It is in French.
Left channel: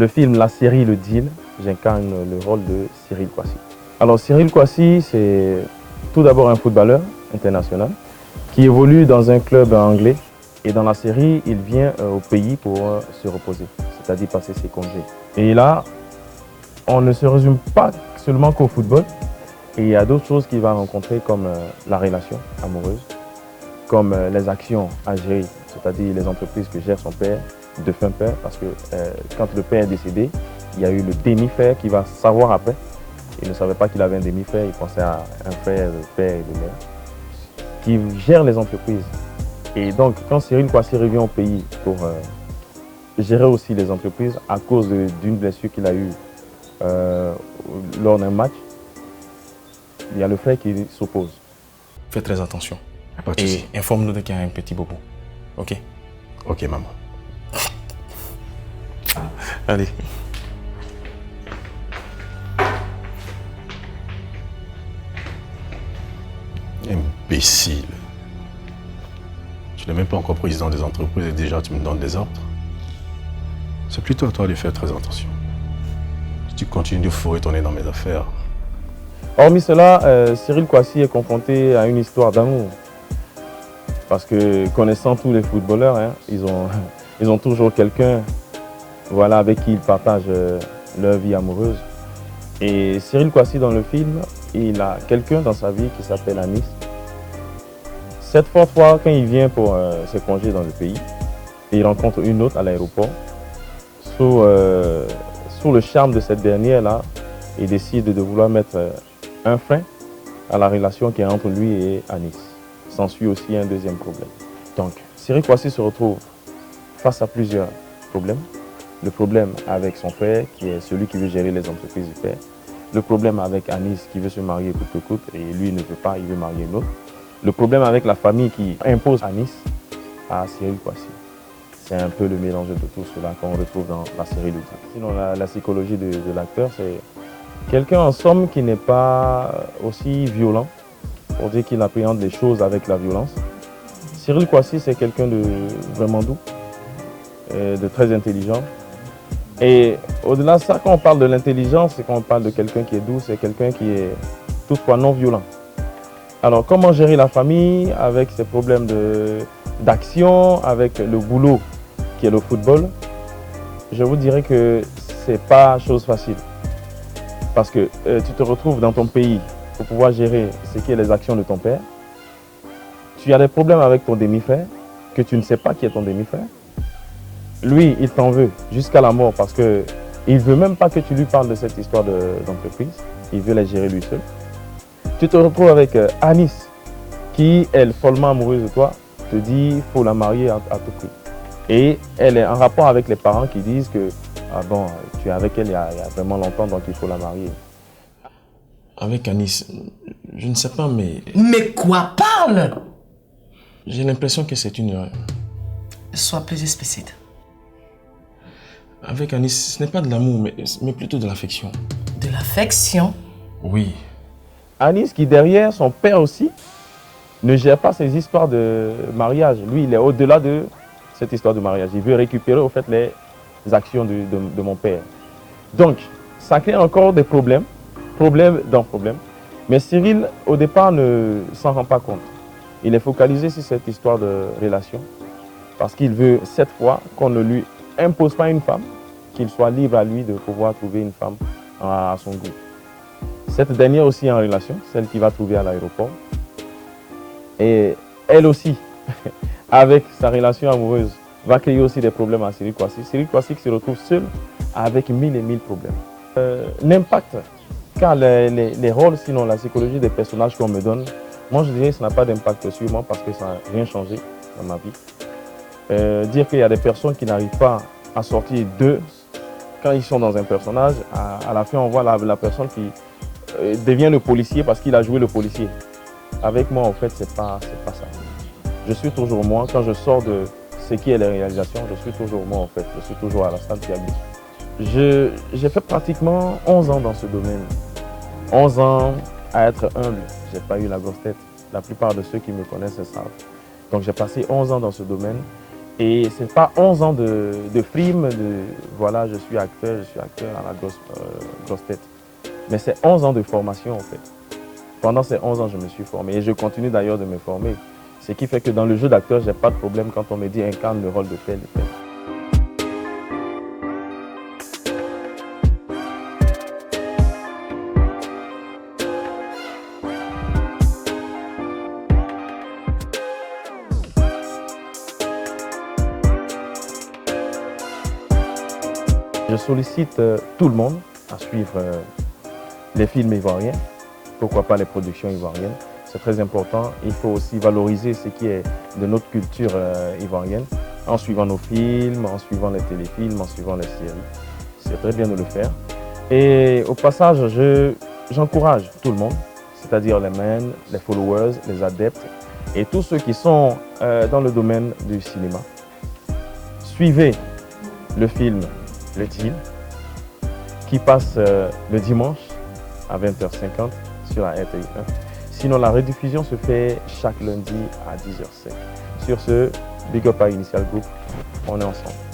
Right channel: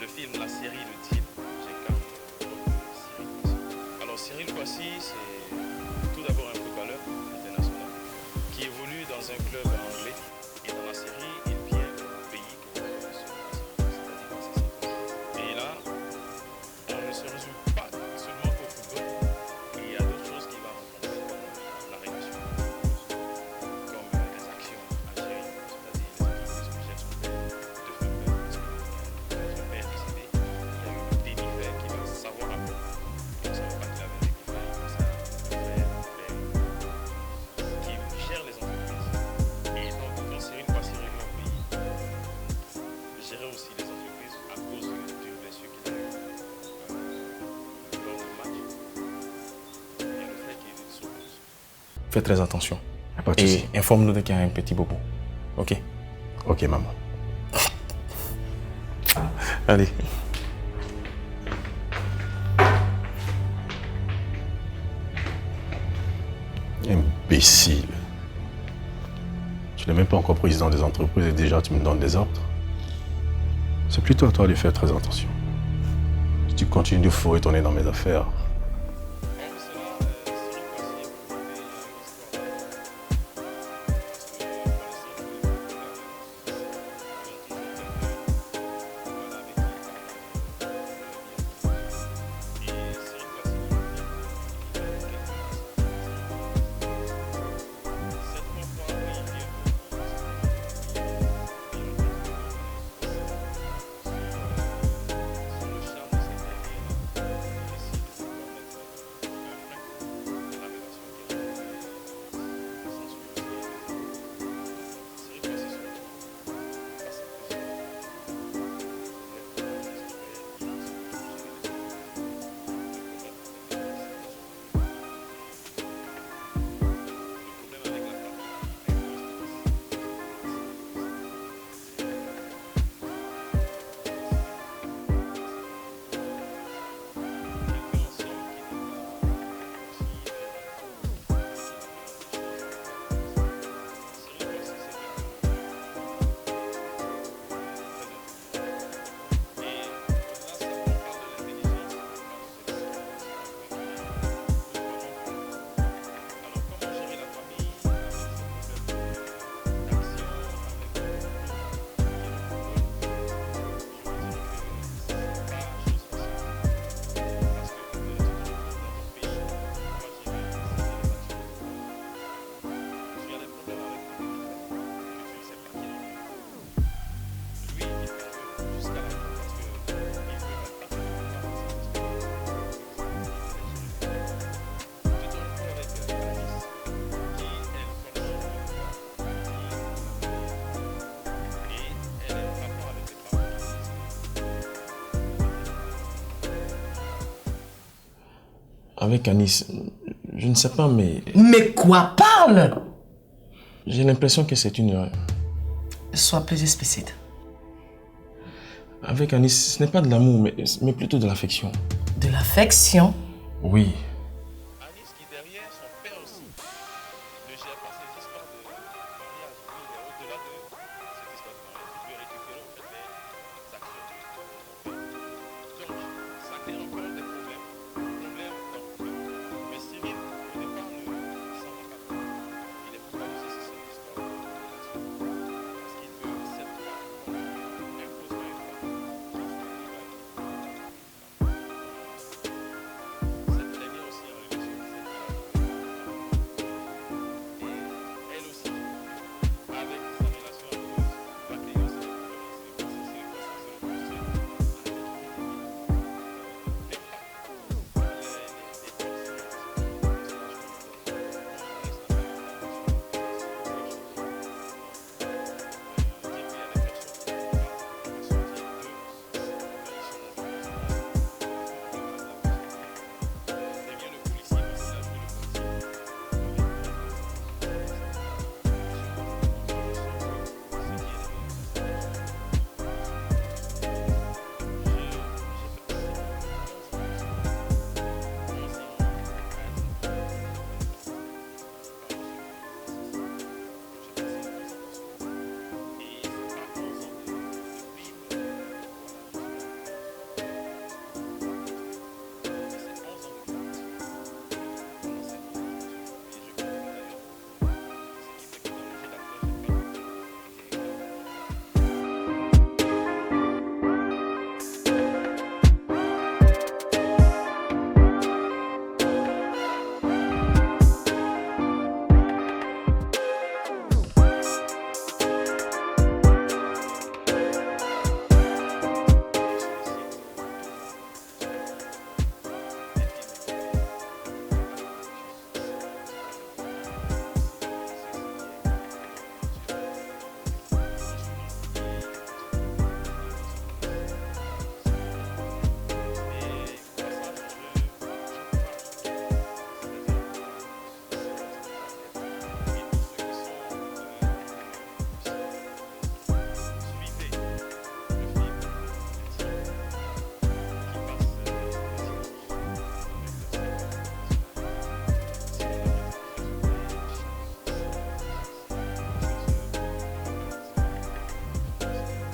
le film, la série Le Deal, j'incarne le rôle de Cyril Kouassi. Alors Cyril Kouassi, c'est tout d'abord un footballeur international qui évolue dans un club anglais. Et dans la série, il vient au pays pour se reposer, c'est-à-dire passer ses congés. Et là, on ne se résume pas seulement qu'au football. Et il y a d'autres choses qu'il va rencontrer comme la relation amoureuse, comme les actions à gérer, c'est-à-dire les entreprises que gère son père, défunt père, parce que quand le père est décédé, il y a eu le demi-frère qui va savoir après. Il ne savait pas qu'il avait un demi-frère, il pensait à un frère, le père et le mère, qui gère les entreprises. Et donc, quand Cyril Kouassi revient au pays pour gérer aussi les entreprises à cause d'une blessure qu'il a eue lors d'un match, il y a le frère qui s'oppose. Fais très attention. Pas de souci. Et informe-nous dès qu'il y a un petit bobo. Ok? Ok, maman. Allez. Imbécile. Tu n'es même pas encore président des entreprises et déjà tu me donnes des ordres. C'est plutôt à toi de faire très attention. Si tu continues de fourrer ton nez dans mes affaires. Hormis cela, Cyril Kouassi est confronté à une histoire d'amour. Parce que connaissant tous les footballeurs, hein, ils ont toujours quelqu'un voilà, avec qui ils partagent leur vie amoureuse. Et Cyril Kouassi dans le film, il a quelqu'un dans sa vie qui s'appelle Anis. Cette fois, quand il vient pour ses congés dans le pays, il rencontre une autre à l'aéroport. Sous le charme de cette dernière-là, il décide de vouloir mettre un frein à la relation qui est entre lui et Anis. S'ensuit aussi un deuxième problème. Donc, Cyril Kouassi se retrouve face à plusieurs problèmes. Le problème avec son père, qui est celui qui veut gérer les entreprises du père. Le problème avec Anis, qui veut se marier coûte que coûte, et lui ne veut pas, il veut marier une autre. Le problème avec la famille qui impose Anis à Cyril Kouassi. C'est un peu le mélange de tout cela qu'on retrouve dans la série de titres. Sinon, la psychologie de l'acteur, c'est quelqu'un en somme qui n'est pas aussi violent, pour dire qu'il appréhende les choses avec la violence. Cyril Kouassi, c'est quelqu'un de vraiment doux, de très intelligent. Et au-delà de ça, quand on parle de l'intelligence, c'est quand on parle de quelqu'un qui est doux, c'est quelqu'un qui est toutefois non violent. Alors, comment gérer la famille avec ses problèmes d'action, avec le boulot qui est le football? Je vous dirais que c'est pas chose facile. Parce que tu te retrouves dans ton pays pour pouvoir gérer ce qui est les actions de ton père. Tu as des problèmes avec ton demi-frère, que tu ne sais pas qui est ton demi-frère. Lui, il t'en veut jusqu'à la mort parce qu'il ne veut même pas que tu lui parles de cette histoire d'entreprise. Il veut la gérer lui seul. Tu te retrouves avec Anis, qui, elle, follement amoureuse de toi, te dit qu'il faut la marier à tout prix. Et elle est en rapport avec les parents qui disent que ah bon, tu es avec elle il y a vraiment longtemps, donc il faut la marier. Avec Anis, je ne sais pas, mais... Mais quoi? Parle! J'ai l'impression que c'est une erreur. Sois plus explicite. Avec Anis, ce n'est pas de l'amour, mais plutôt de l'affection. De l'affection? Oui. Anis, qui derrière, son père aussi, ne gère pas ces histoires de mariage. Lui, il est au-delà de cette histoire de mariage. Il veut récupérer, au fait, les actions de mon père. Donc, ça crée encore des problèmes. Problème dans problème. Mais Cyril, au départ, ne s'en rend pas compte. Il est focalisé sur cette histoire de relation. Parce qu'il veut, cette fois, qu'on ne lui impose pas une femme, qu'il soit libre à lui de pouvoir trouver une femme à son goût. Cette dernière aussi est en relation, celle qu'il va trouver à l'aéroport. Et elle aussi, avec sa relation amoureuse, va créer aussi des problèmes à Cyril Kouassi. Cyril Kouassi qui se retrouve seul avec mille et mille problèmes. L'impact, car les rôles, sinon la psychologie des personnages qu'on me donne, moi je dirais que ça n'a pas d'impact sur moi parce que ça n'a rien changé dans ma vie. Dire qu'il y a des personnes qui n'arrivent pas à sortir d'eux quand ils sont dans un personnage, à la fin on voit la personne qui devient le policier parce qu'il a joué le policier. Avec moi en fait c'est pas ça. Je suis toujours moi, quand je sors de ce qui est la réalisation, je suis toujours moi en fait, je suis toujours à la salle qui J'ai fait pratiquement 11 ans dans ce domaine. 11 ans à être humble, j'ai pas eu la grosse tête. La plupart de ceux qui me connaissent savent. Donc j'ai passé 11 ans dans ce domaine Et ce n'est pas 11 ans de film, voilà, je suis acteur à la grosse tête. Mais c'est 11 ans de formation en fait. Pendant ces 11 ans, je me suis formé et je continue d'ailleurs de me former. Ce qui fait que dans le jeu d'acteur, je n'ai pas de problème quand on me dit incarne le rôle de tel. Je sollicite tout le monde à suivre les films ivoiriens, pourquoi pas les productions ivoiriennes. C'est très important. Il faut aussi valoriser ce qui est de notre culture ivoirienne en suivant nos films, en suivant les téléfilms, en suivant les séries. C'est très bien de le faire. Et au passage, j'encourage tout le monde, c'est-à-dire les men, les followers, les adeptes et tous ceux qui sont dans le domaine du cinéma. Suivez le film Le Team qui passe le dimanche à 20h50 sur la RTI1. Sinon, la rediffusion se fait chaque lundi à 10h05. Sur ce, Big Up à Initial Group, on est ensemble.